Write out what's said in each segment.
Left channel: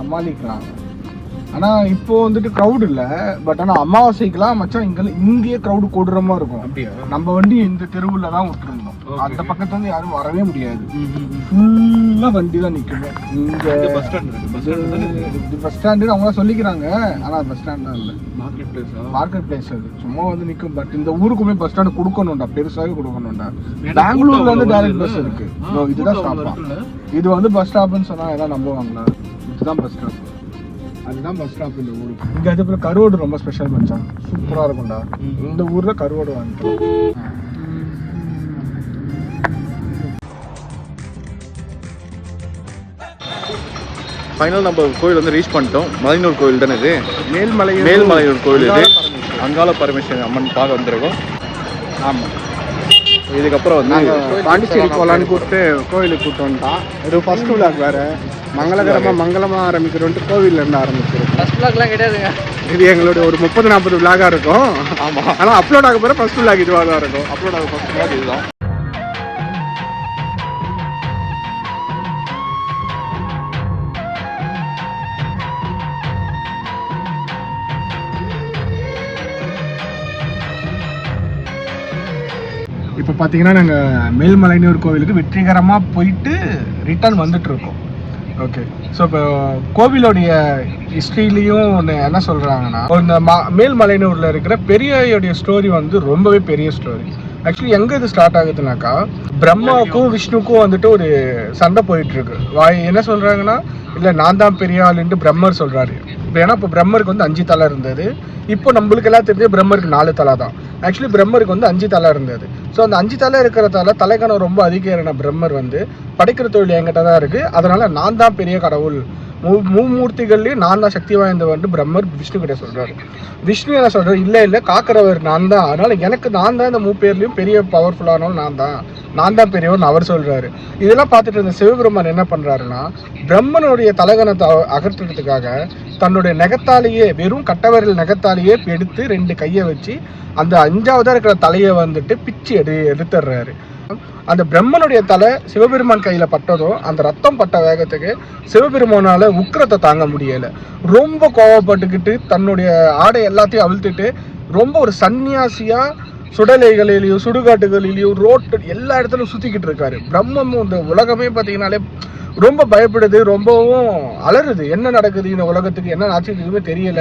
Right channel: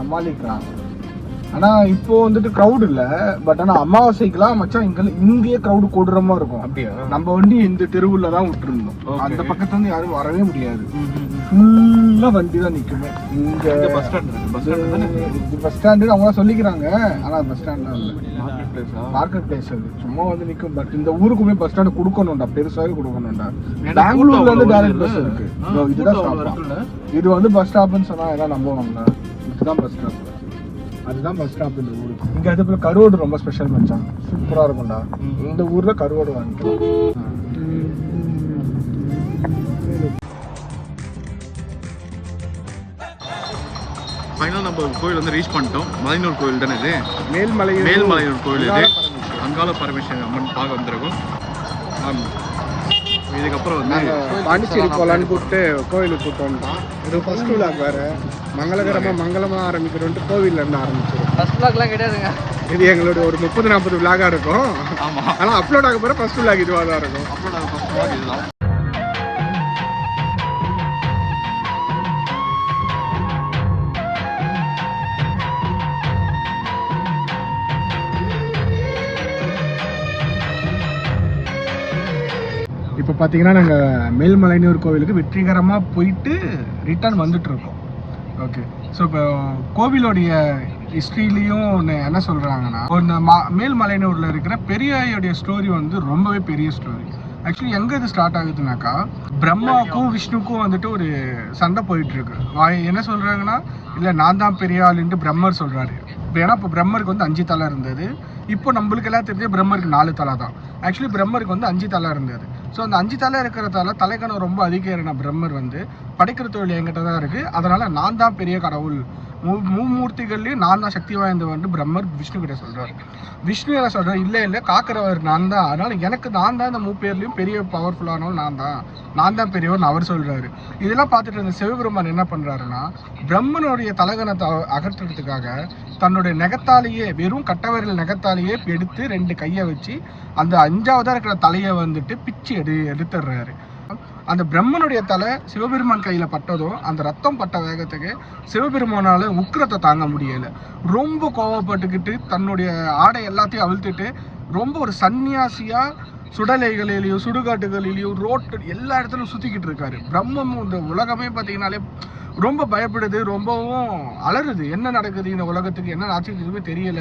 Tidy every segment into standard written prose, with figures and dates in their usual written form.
சமாளிக்கலாம். ஆனா இப்போ வந்துட்டு க்ரௌட் இல்ல, பட் ஆனா அமாவாசைக்குலாம் மச்சான் இங்கேயே க்ரௌடு கூடுறமா இருக்கும். அப்படியா? நம்ம வண்டி இந்த தெருவுல தான் விட்டுருந்தோம். அந்த பக்கத்துல இருந்து யாரும் வரவே முடியாது. ஃபுல்லா வண்டி தான் நிக்குமே. இங்க பஸ் ஸ்டாண்டு அவங்க சொல்லிக்கிறாங்க. ஆனா பஸ் ஸ்டாண்ட் இல்ல, மார்க்கெட் பிளேஸ். அது சும்மா வந்து நிக்கும். பட் இந்த ஊருக்குமே பஸ் ஸ்டாண்ட் கொடுக்கணும்டா, பெருசாவே கொடுக்கணும்டா. பெங்களூர்ல வந்து டைரக்ட் பஸ் இருக்கு. இதுதான் ஸ்டாப். இது வந்து பஸ் ஸ்டாப்னு சொன்னா ஏதாவது நம்புவாங்களா? இதுதான் பஸ் ஸ்டாப். அதுதான் பஸ் ஸ்டாப் இந்த ஊரு. இங்க அதுக்குள்ள கருவாடு ரொம்ப ஸ்பெஷல் மச்சான், சூப்பரா இருக்கும்டா. இந்த ஊர்ல கருவாடு வாங்கிக்கலாம். ஃபைனல் நம்ம கோயில் வந்து ரீச் பண்ணிட்டோம். மலையனூர் கோயில் தானே இது, மேல்மலையூர் கோயில் இது. அங்காள பரமேஸ்வரி அம்மன் பார்க்க வந்திருக்கோம். ஆமாம், இதுக்கப்புறம் வந்து கோயிலுக்கு கூப்பிட்டு வந்துட்டான். இது ஃபர்ஸ்ட் விளாக் வேற. மங்களமாக ஆரம்பிக்கிறோன்ட்டு கோவில்ல இருந்து ஆரம்பிச்சிருக்கோம். ஃபர்ஸ்ட் விளாக்லாம் கிடையாதுங்க. இது எங்களுடைய ஒரு 30-40 விளாகா இருக்கும். ஆமாம், ஆனால் அப்லோட் ஆக போகிற ஃபர்ஸ்ட் விளாக் இதுவாக தான் இருக்கும். அப்லோட் ஆக ஃபர்ஸ்ட் விளாக் இதுதான். இப்போ பார்த்தீங்கன்னா நாங்கள் மேல்மலையனூர் கோவிலுக்கு வெற்றிகரமாக போயிட்டு ரிட்டர்ன் வந்துட்டு இருக்கோம். ஓகே, ஸோ இப்போ கோவிலோடைய ஹிஸ்ட்ரியிலையும் ஒன்று என்ன சொல்கிறாங்கன்னா, இந்த மேல்மலையனூரில் இருக்கிற பெரியயோடைய ஸ்டோரி வந்து ரொம்பவே பெரிய ஸ்டோரி. ஆக்சுவலி எங்கே இது ஸ்டார்ட் ஆகுதுனாக்கா, பிரம்மாவுக்கும் விஷ்ணுக்கும் வந்துட்டு ஒரு சண்டை போயிட்டுருக்கு. என்ன சொல்கிறாங்கன்னா, இல்லை நான் தான் பெரிய ஆளுன்ட்டு பிரம்மர் சொல்கிறாரு. ஏன்னா இப்போ பிரம்மருக்கு வந்து 5 தலை இருந்தது. இப்போ நம்மளுக்கு எல்லாம் தெரிஞ்ச பிரம்மருக்கு 4 தலை தான். ஆக்சுவலி பிரம்மருக்கு வந்து 5 தலை இருந்தது. ஸோ அந்த 5 தலை இருக்கிறதால தலைக்கணம் ரொம்ப அதிகம். பிரம்மர் வந்து படைக்கிற தொழில் என்கிட்ட தான் இருக்குது, அதனால நான் தான் பெரிய கடவுள், மூர்த்திகள்லேயும் நான் தான் சக்தி வாய்ந்தவன்ட்டு பிரம்மர் விஷ்ணு கிட்ட சொல்கிறாரு. விஷ்ணு என்ன சொல்கிறார், இல்லை காக்கிறவர் நான் தான், அதனால எனக்கு நான் தான் இந்த பேர்லையும் பெரிய பவர்ஃபுல்லானவன் நான் தான் பெரியவன் அவர் சொல்கிறாரு. இதெல்லாம் பார்த்துட்டு இருந்த சிவபெருமான் என்ன பண்ணுறாருன்னா, பிரம்மனுடைய தலகணத்தை அகற்றுறதுக்காக தன்னுடைய நெகத்தாலேயே, வெறும் கட்டவரில் நெகத்தாலேயே எடுத்து 2 கையை வச்சு அந்த 5ஆவதா இருக்கிற தலையை வந்துட்டு பிச்சு எடுத்துடுறாரு. அந்த பிரம்மனுடைய தலை சிவபெருமான் கையில பட்டதும் அந்த ரத்தம் பட்ட வேகத்துக்கு சிவபெருமானால உக்கிரத்தை தாங்க முடியல. ரொம்ப கோவப்பட்டுக்கிட்டு தன்னுடைய ஆடை எல்லாத்தையும் அவிழ்த்துட்டு ரொம்ப ஒரு சன்னியாசியா சுடலைகளிலையும் சுடுகாட்டுகளிலையும் ரோட்டு எல்லா இடத்துலையும் சுத்திக்கிட்டு இருக்காரு. பிரம்மமும் இந்த உலகமே பார்த்தீங்கன்னாலே ரொம்ப பயப்படுது, ரொம்பவும் அலறுது. என்ன நடக்குது இந்த உலகத்துக்கு, என்ன ஆச்சு எதுவுமே தெரியல.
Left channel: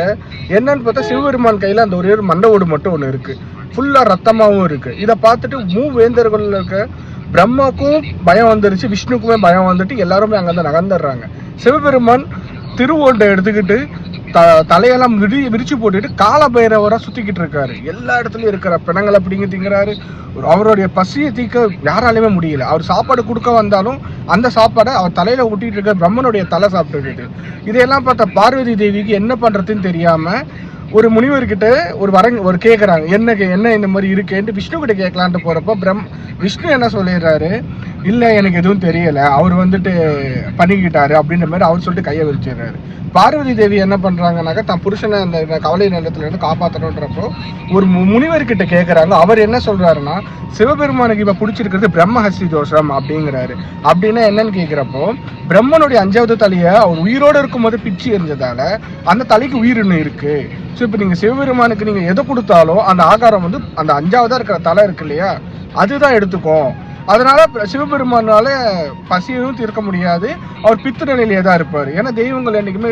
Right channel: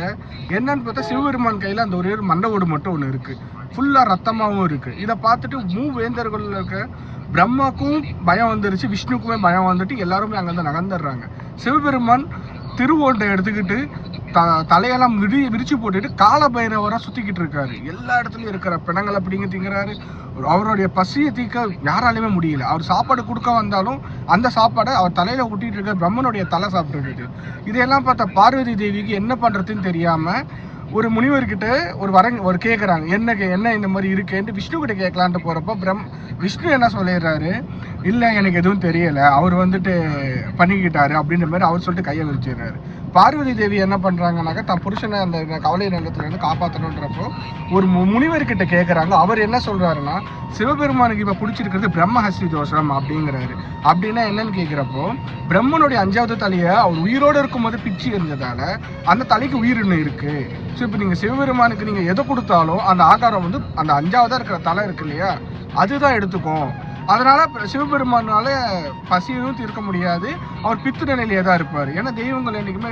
என்னன்னு பார்த்தா சிவபெருமான் கையில அந்த ஒரே ஒரு மண்டவோடு மட்டும் ஒன்று இருக்கு, ஃபுல்லா ரத்தமாகவும் இருக்கு. இதை பார்த்துட்டு மூவேந்தர்கள் இருக்க பிரம்மாக்கும் பயம் வந்துருச்சு, விஷ்ணுக்குமே பயம் வந்துட்டு எல்லாருமே அங்கே நகர்ந்துடுறாங்க. சிவபெருமான் திருவோட்டை எடுத்துக்கிட்டு தலையெல்லாம் விரிச்சு போட்டுட்டு காலபைரவராக சுத்திக்கிட்டு இருக்காரு. எல்லா இடத்துலயும் இருக்கிற பிணங்களை பிடிங்க திங்கிறாரு. அவருடைய பசியை தீர்க்க யாராலையுமே முடியல. அவர் சாப்பாடு கொடுக்க வந்தாலும் அந்த சாப்பாடை அவர் தலையில ஊட்டிட்டு இருக்க பிரம்மனுடைய தலை சாப்பிட்டுட்டு. இதையெல்லாம் பார்த்த பார்வதி தேவிக்கு என்ன பண்றதுன்னு தெரியாம ஒரு முனிவர்கிட்ட ஒரு கேட்குறாங்க, என்ன இந்த மாதிரி இருக்குன்ட்டு விஷ்ணு கிட்ட கேட்கலான்ட்டு போறப்போ விஷ்ணு என்ன சொல்லிடுறாரு, இல்லை எனக்கு எதுவும் தெரியல, அவர் வந்துட்டு பண்ணிக்கிட்டாரு அப்படின்ற மாதிரி அவர் சொல்லிட்டு கையை விரிச்சிடுறாரு. பார்வதி தேவி என்ன பண்றாங்கன்னாக்கா, தன் புருஷனை அந்த கவலை நேரத்துல இருந்து காப்பாற்றணுன்றப்போ ஒரு முனிவர்கிட்ட கேட்குறாங்க. அவர் என்ன சொல்றாருன்னா, சிவபெருமானுக்கு இப்ப பிடிச்சிருக்கிறது பிரம்மஹஸ்தி தோஷம் அப்படிங்கிறாரு. அப்படின்னா என்னன்னு கேட்கிறப்போ, பிரம்மனுடைய 5ஆவது தலையை அவர் உயிரோடு இருக்கும்போது பிச்சு எரிஞ்சதால அந்த தலைக்கு உயிர் இன்னும் இருக்கு. ஸோ இப்போ நீங்கள் சிவபெருமானுக்கு நீங்கள் எதை கொடுத்தாலும் அந்த ஆகாரம் வந்து அந்த 5ஆவதா இருக்கிற தலை இருக்கு இல்லையா, அதுதான் எடுத்துக்கும். அதனால சிவபெருமானால பசியையும் தீர்க்க முடியாது, அவர் பித்து நிலையிலே தான் இருப்பார். ஏன்னா தெய்வங்கள் என்றைக்குமே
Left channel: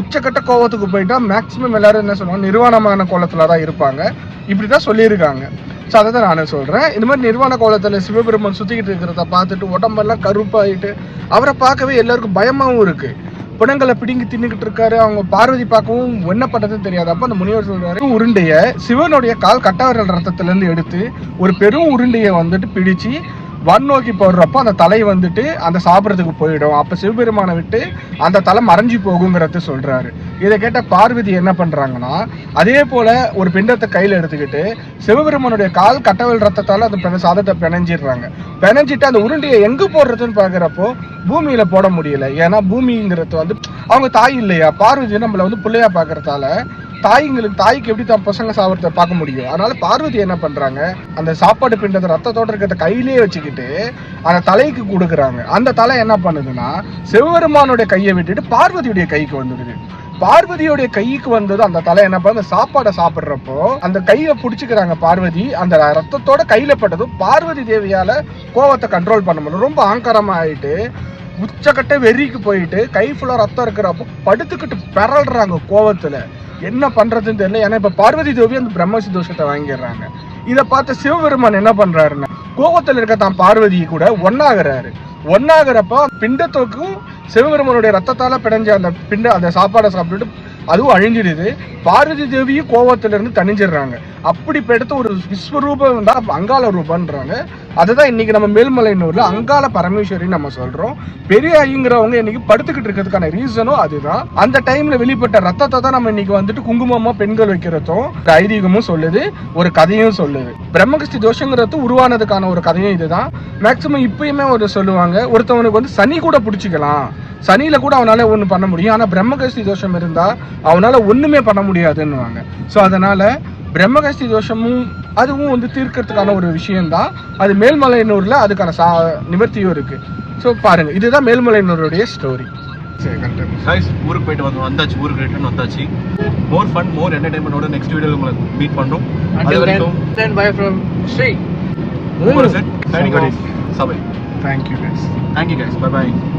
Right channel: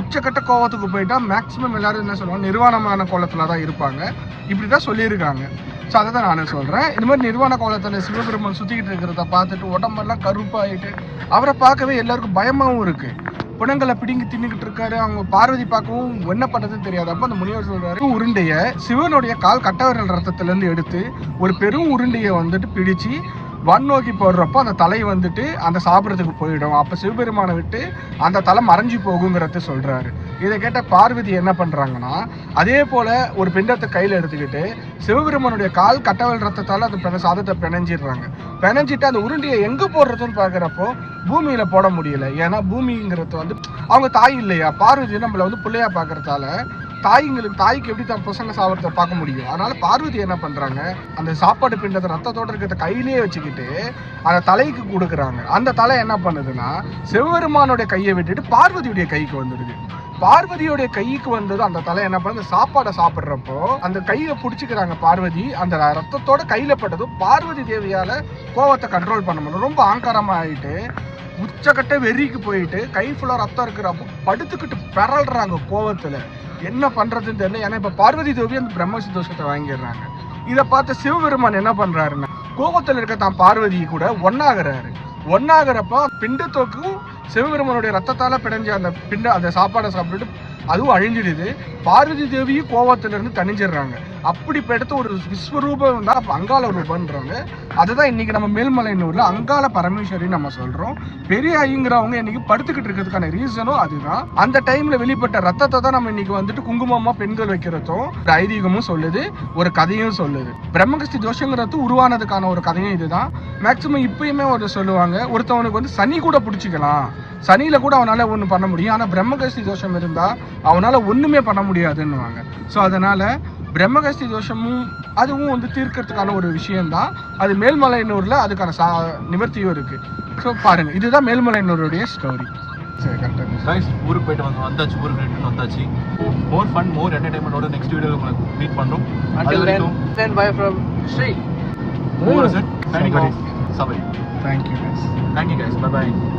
உச்சக்கட்ட கோவத்துக்கு போயிட்டா மேக்சிமம் எல்லாரும் என்ன சொல்லுவாங்க, நிர்வாணமான கோலத்துல தான் இருப்பாங்க, இப்படிதான் சொல்லியிருக்காங்க. ஸோ அதை தான் நானே சொல்றேன். இந்த மாதிரி நிர்வாண கோலத்துல சிவபெருமான் சுத்திக்கிட்டு இருக்கிறத பார்த்துட்டு உடம்பெல்லாம் கருப்பாயிட்டு அவரை பார்க்கவே எல்லாருக்கும் பயமாவும் இருக்கு. பிணங்களை பிடிங்கி தின்னுக்கிட்டு இருக்காரு. அவங்க பார்வதி பார்க்கவும் என்ன பண்றதுன்னு தெரியாது. அப்ப அந்த முனிவர் சொல்றாரு, உருண்டைய சிவனுடைய கால் கட்டவரல் ரத்தத்துல இருந்து எடுத்து ஒரு பெரும் உருண்டையை வந்துட்டு பிடிச்சு நோக்கி போடுறப்போ அந்த தலை வந்துட்டு அந்த சாப்பிட்றதுக்கு போயிடும். அப்ப சிவபெருமானை விட்டு அந்த தலை மறைஞ்சு போகுங்கிறத சொல்றாரு. இதை கேட்ட பார்வதி என்ன பண்றாங்கன்னா, அதே போல ஒரு பிண்டத்தை கையில எடுத்துக்கிட்டு சிவபெருமானுடைய கால் கட்டவல் ரத்தத்தால அந்த சாதத்தை பிணைஞ்சிடுறாங்க. பிணைஞ்சிட்டு அந்த உருண்டையை எங்க போடுறதுன்னு பாக்குறப்போ பூமியில போட முடியல. ஏன்னா பூமிங்கிறது வந்து அவங்க தாய் இல்லையா, பார்வதி நம்மள வந்து பிள்ளையா பாக்குறதால தாய்க்கு எப்படி தான் பசங்க சாப்பிட்றத பார்க்க முடியும். அதனால பார்வதி என்ன பண்றாங்க, அந்த சாப்பாடு பிண்டத்தை ரத்தத்தோட இருக்கிறத கையிலேயே வச்சுக்கிட்டு அந்த தலைக்கு கொடுக்குறாங்க. அந்த தலை என்ன பண்ணுதுன்னா சிவபெருமானுடைய கையை விட்டுட்டு பார்வதியுடைய கைக்கு வந்துடுது. பார்வதியுடைய கைக்கு வந்தது அந்த தலை என்ன பண்ண, அந்த சாப்பாடை சாப்பிட்றப்போ அந்த கையை பிடிச்சிக்கிறாங்க பார்வதி. அந்த ரத்தத்தோட கையில பட்டதும் பார்வதி தேவியால கோவத்தை கண்ட்ரோல் பண்ண முடியல. ரொம்ப ஆங்கரமா ஆயிட்டு உச்சக்கட்ட வெறிக்கு போயிட்டு கை ஃபுல்லா ரத்தம் இருக்கிறப்போ படுத்துக்கிட்டு பெறல்றாங்க கோவத்துல. என்ன பண்றதுன்னு தெரியல. ஏன்னா இப்ப பார்வதி தேவி அந்த பிரம்மசி தோஷத்தை வாங்கிடுறாங்க. இதை பார்த்த சிவபெருமான் என்ன பண்றாருன்னா கோவத்துல இருக்க தான் பார்வதி கூட ஒன்னாகிறப்ப பிண்டத்தோக்கும் சிவபெருமானுடைய ரத்தத்தால பிடைஞ்ச அந்த சாப்பாடை சாப்பிட்டுட்டு அதுவும் அழிஞ்சிடுது. பார்வதி தேவியும் கோவத்துல இருந்து தணிஞ்சிடுறாங்க. அப்படி எடுத்து ஒரு விஸ்வரூபம் தான் அங்காள ரூபன்றாங்க. அதுதான் இன்னைக்கு நம்ம மேல்மலையனூர்ல அங்காள பரமேஸ்வரி நம்ம சொல்றோம். பெரிய ஐங்கிறவங்க இன்னைக்கு படுத்துக்கிட்டு இருக்கிறதுக்கான ரீசனும் அதுதான். அந்த டைம்ல வெளிப்பட்ட ரத்தத்தை தான் நம்ம இன்னைக்கு வந்துட்டு குங்குமமா பெண்கள் வைக்கிறதும் ஒரு ஐதீகமும் சொல்லுது, ஒரு கதையும் சொல்லுது. பிரம்மகஸ்தி தோஷங்கிறது உருவானதுக்கான ஒரு கதையும் இதுதான். மேக்சிமம் இப்பயுமே ஒரு சொல்லுவாங்க, ஒருத்தவனுக்கு வந்து சனி கூட பிடிச்சிக்கலாம், சனியில கூட அவனால ஒண்ணு பண்ண முடியும். ஆனா பிரம்மகஸ்தி தோஷம் இருந்தா அவனால ஒண்ணுமே பண்ண முடியாதுன்னுவாங்க. ஸோ அதனால பிரம்மகஸ்தி தோஷமும் அதுவும் வந்து தீர்க்கறதுக்கான ஒரு விஷயம்தான். அது மேல்மலையனூர்ல அதுக்கான நிவர்த்தியும் இருக்கு. ஸோ பாருங்க, இதுதான் மேல்மலையனூருடைய ஸ்டோரி. ஊருக்கு போயிட்டு வந்தாச்சு, ஊருக்கு ரிட்டர்ன் வந்தாச்சு. மோர் ஃபன், மோர் என்டர்டைன்மெண்டோட நெக்ஸ்ட் வீடியோல உங்களை மீட் பண்றோம். அது வரைக்கும் bye from Sri. Signing off. Sabai. Thank you guys. Bye bye.